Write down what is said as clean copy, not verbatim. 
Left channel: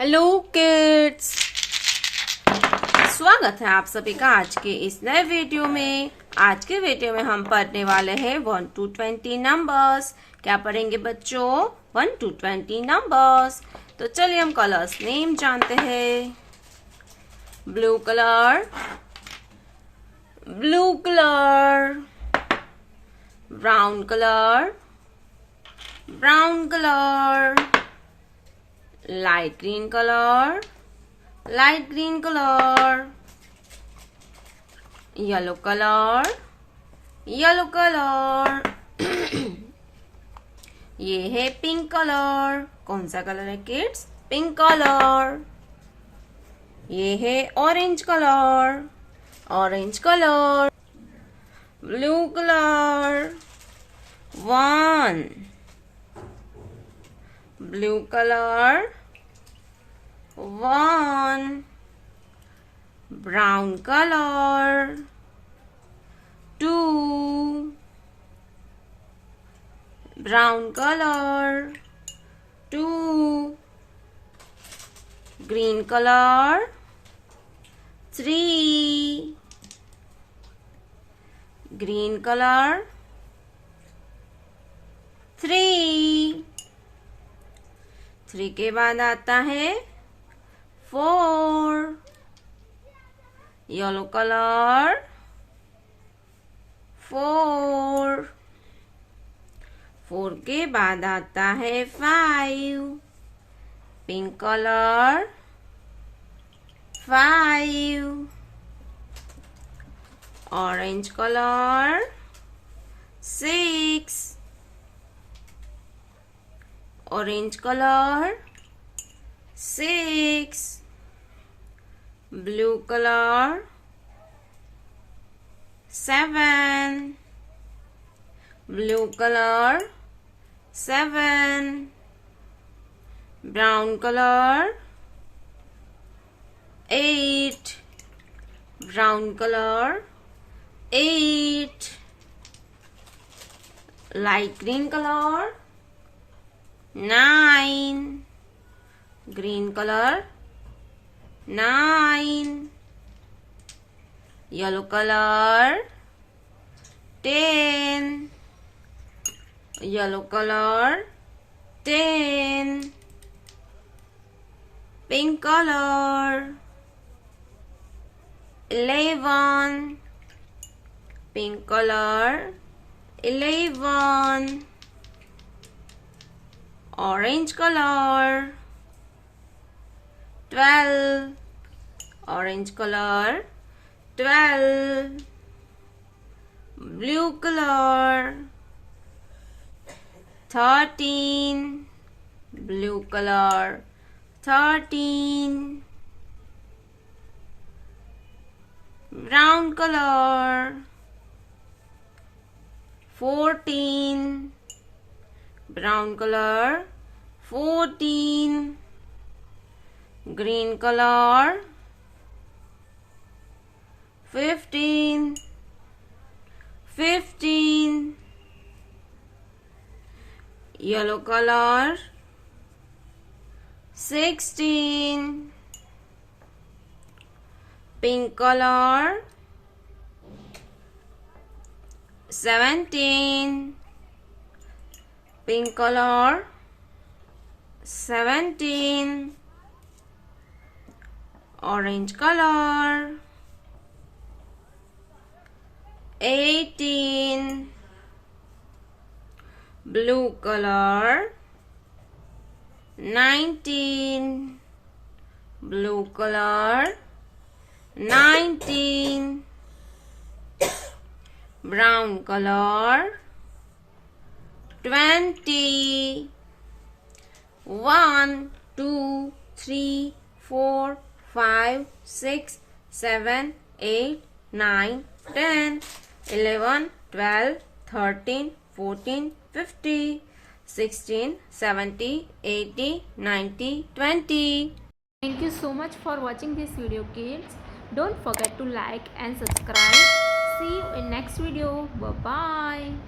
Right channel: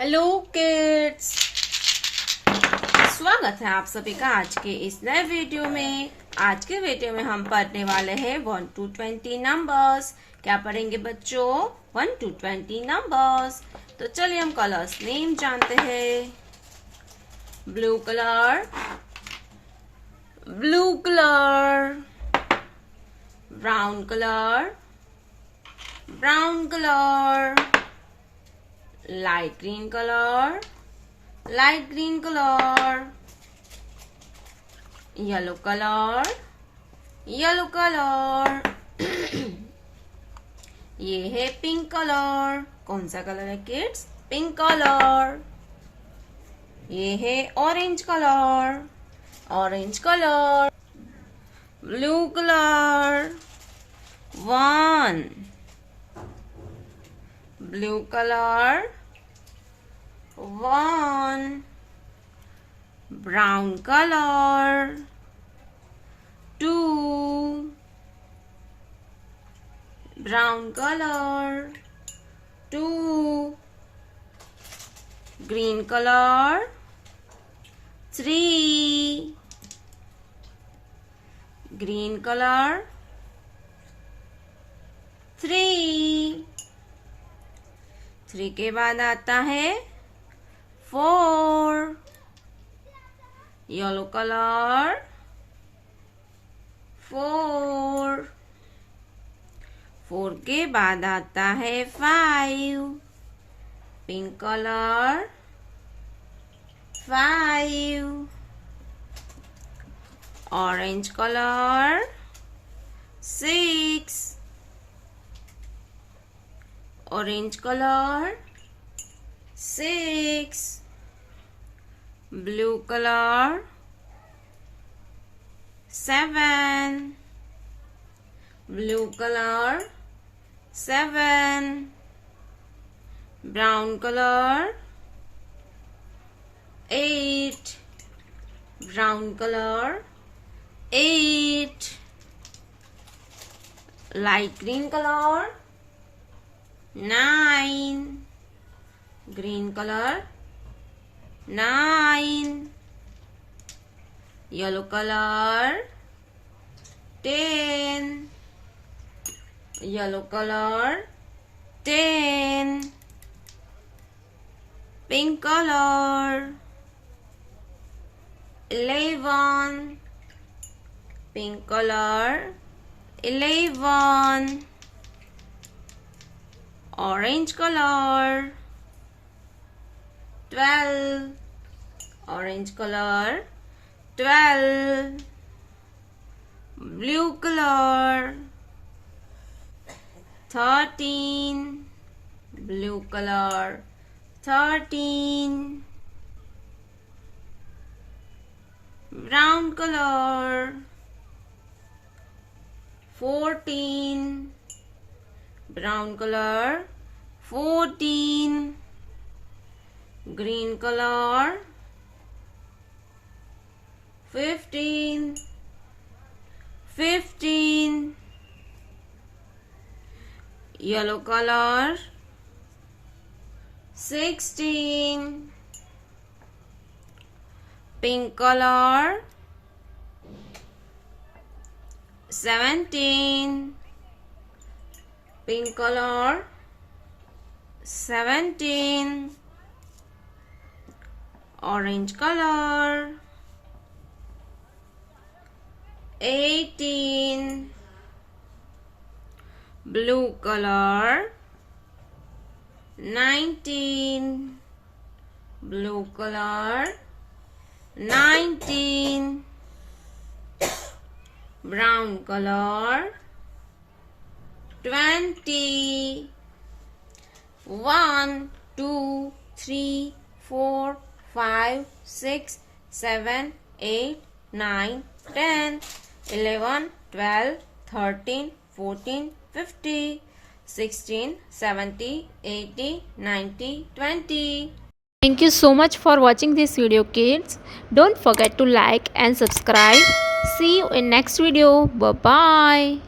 Hello kids, स्वागत है आप सभी का आज के इस नए वीडियो में। आज के वीडियो में हम पढ़ने वाले हैं 1 to 20 नंबर्स। क्या पढ़ेंगे बच्चों? 1 to 20 नंबर्स। तो चलिए हम कलर्स नेम जानते हैं। Blue colour, blue colour, brown colour, brown colour, light green color, light green color, yellow color, yellow color। ये है पिंक कलर। कौन सा कलर है किड्स? Pink colour. ये है orange colour, orange colour. Blue colour, 1। Blue colour, 1। brown color, 2। brown color, 2। green color, 3। green color, 3। 3 के बाद आता है 4। Yellow colour, 4। 4 के बाद आता है 5। Pink colour, 5। Orange colour, 6। Orange colour, 6। Blue colour, 7। Blue colour, 7। Brown colour, 8। Brown colour, 8। Light green colour, 9। Green colour, 9। Yellow colour, 10। Yellow colour, 10। Pink colour, 11। Pink colour, 11। Orange colour, 12। Orange colour, 12। Blue colour, 13। Blue colour, 13। Brown colour, 14। Brown colour, 14। Green colour, 15। 15। Yellow colour, 16। Pink colour, 17। Pink colour, 17। Orange colour, 18। Blue colour, 19। Blue colour, 19। Brown colour, 20। 1 2 3 4 5 6 7 8 9 10 11 12 13 14 15 16 17 18 19 20। Thank you so much for watching this video, kids. Don't forget to like and subscribe. See you in next video. Bye bye.